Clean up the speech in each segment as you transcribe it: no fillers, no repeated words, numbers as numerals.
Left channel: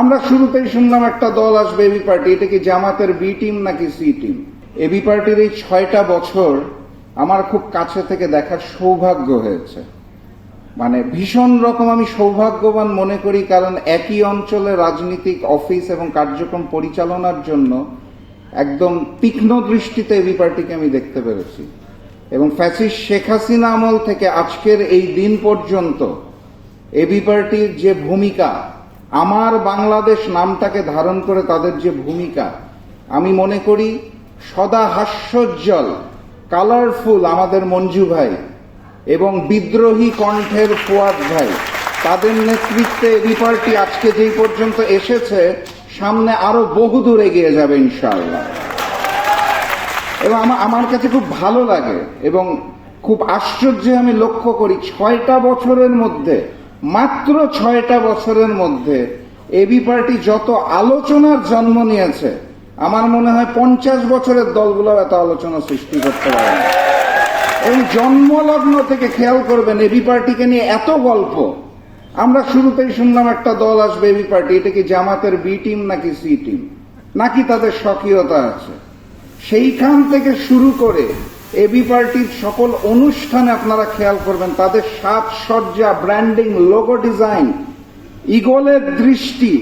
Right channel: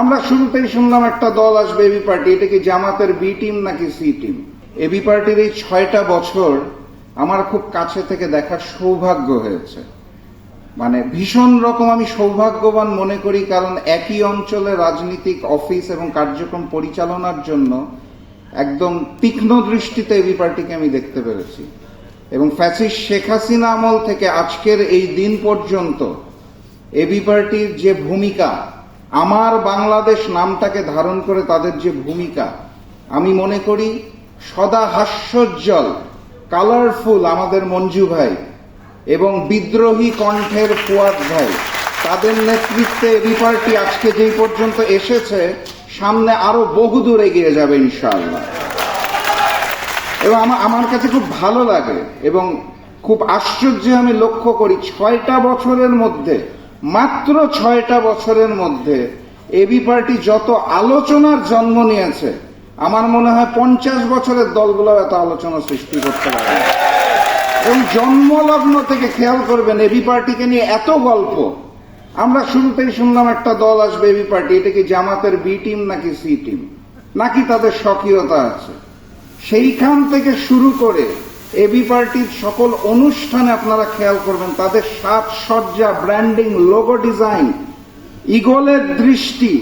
আমরা শুরুতেই শুনলাম একটা দল আসবে এবি পার্টি। এটা কি জামাতের বি টিম নাকি সি টিম? এবি পার্টির এই 6টা বছর আমার খুব কাছে থেকে দেখার সৌভাগ্য হয়েছে। মানে ভীষণ রকম আমি সৌভাগ্যবান মনে করি, কারণ একই অঞ্চলে রাজনৈতিক অফিস এবং কার্যক্রম পরিচালনার জন্য একদম তীক্ষ্ণ দৃষ্টিতে এবি পার্টিকে আমি দেখতে পেরেছি। এবং ফ্যাসিস্ট শেখ হাসিনা আমল থেকে আজকের এই দিন পর্যন্ত এবি পার্টির যে ভূমিকা, আমার বাংলাদেশ নামটাকে ধারণ করে তাদের যে ভূমিকা, আমি মনে করি সদা হাস্যোজ্জ্বল কালারফুল আমাদের মঞ্জু ভাই এবং বিদ্রোহী কণ্ঠের ফুয়াদ ভাই, তাদের নেতৃত্বে এবি পার্টি আজকে যেই পর্যন্ত এসেছে, সামনে আরো বহুদূর এগিয়ে যাবে ইনশাআল্লাহ। এবং আমার কাছে খুব ভালো লাগে এবং খুব আশ্চর্য আমি লক্ষ্য করি, 6টা বছরের মধ্যে, মাত্র 6টা বছরের মধ্যে এবি পার্টি যত আলোচনার জন্ম নিয়েছে, আমার মনে হয় 50 বছরের দলগুলো এত আলোচনা সৃষ্টি করতে পারে না। এবং জন্মলগ্ন থেকে খেয়াল করবেন এবি পার্টিকে নিয়ে এত গল্প। আমরা শুরুতেই শুনলাম একটা দল আসবে এবি পার্টি। এটা কি জামাতের বি টিম নাকি সি টিম, নাকি তাদের স্বকীয়তা আছে? সেইখান থেকে শুরু করে এবি পার্টির সকল অনুষ্ঠানে আপনারা খেয়াল করবেন, তাদের সাজসজ্জা, ব্র্যান্ডিং, লোগো ডিজাইন, ইগলের দৃষ্টি,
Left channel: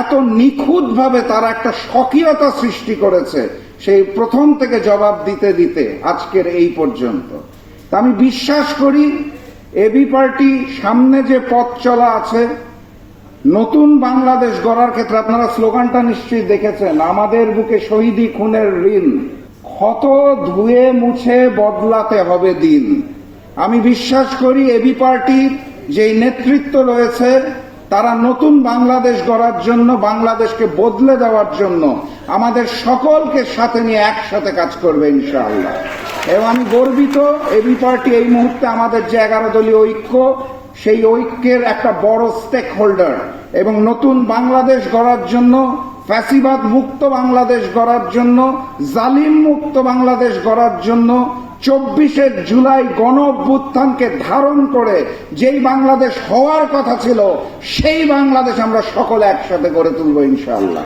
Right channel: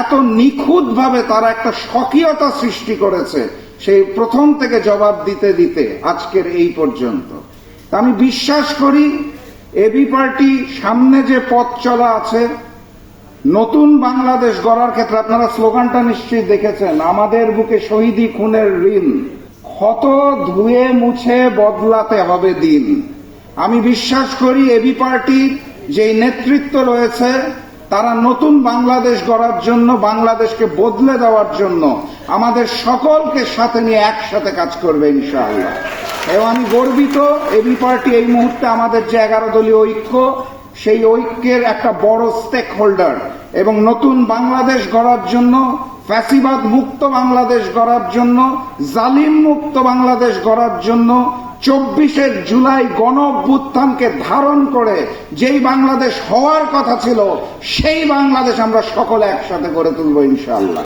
এত নিখুঁতভাবে তারা একটা স্বকীয়তা সৃষ্টি করেছে সেই প্রথম থেকে জবাব দিতে দিতে আজকের এই পর্যন্ত। আমি বিশ্বাস করি এবি পার্টি সামনে যে পথ চলা আছে, নতুন বাংলাদেশ গড়ার ক্ষেত্রে, আপনারা স্লোগানটা নিশ্চয়ই দেখেছেন, আমাদের বুকে শহীদি খুনের ঋণ, ক্ষত ধুয়ে মুছে বদলাতে হবে দিন। আমি বিশ্বাস করি এবি পার্টির যে নেতৃত্ব রয়েছে, তারা নতুন বাংলাদেশ গড়ার জন্য, বাংলাদেশকে বদলে দেওয়ার জন্য আমাদের সকলকে সাথে নিয়ে একসাথে কাজ করবে ইনশাআল্লাহ। এবং আমি গর্বিত এবি পার্টি এই মুহূর্তে আমাদের যে 11 দলীয় ঐক্য, সেই ঐক্যের একটা বড় স্টেক হোল্ডার। এবং নতুন বাংলাদেশ গড়ার জন্য, ফ্যাসিবাদ মুক্ত বাংলাদেশ গড়ার জন্য, জালিম মুক্ত বাংলাদেশ গড়ার জন্য 24শে জুলাই গণ অভ্যুত্থানকে ধারণ করে যেই বাংলাদেশ হওয়ার কথা ছিল, সেই বাংলাদেশ আমরা সকলে একসাথে গড়ে তুলব ইনশাআল্লাহ।